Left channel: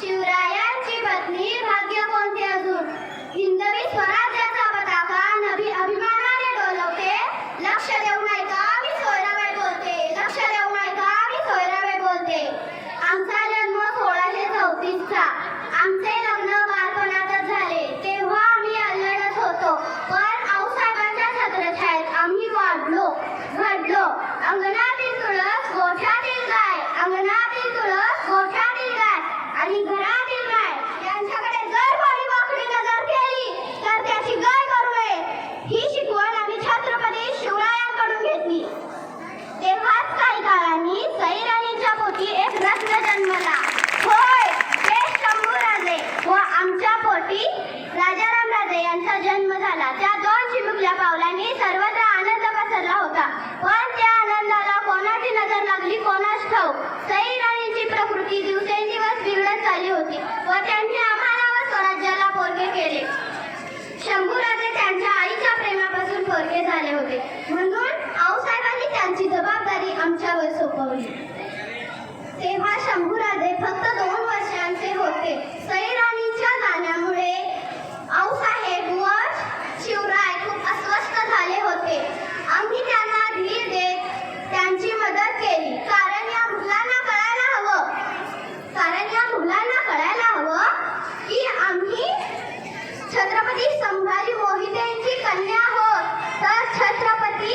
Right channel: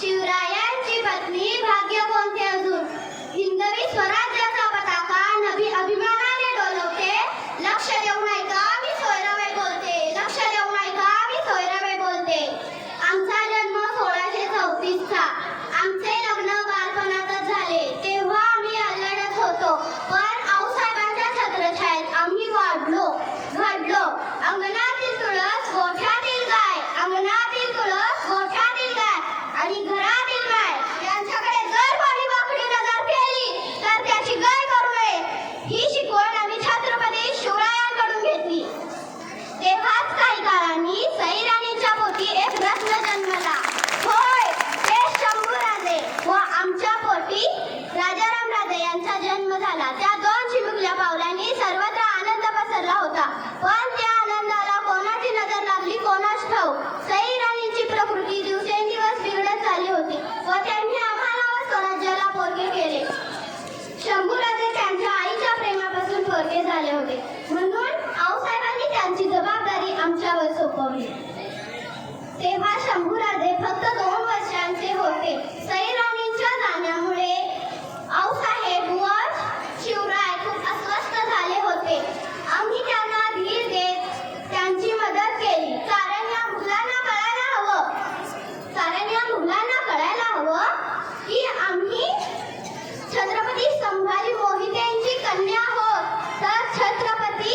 to होते म्हणून आऊसाहेबांनी त्यांची जबाबदारी आमच्यावर सोपवली. तेव्हा शंभूराजे फक्त दोन वर्षांचे होते. सईराणींच्या जाण्यामुळे आऊसाहेब व शिवराय खूप अस्वस्थ झाले होते. आम्ही त्यांना धीर देत त्यांची मदत केली. कारण या मुलांना कळायला हवं. कारण या मुलांना कळायला हवं की आम्ही छत्रपती संभाजी मोहिते कन्या हो डॉक्टर छत्रपति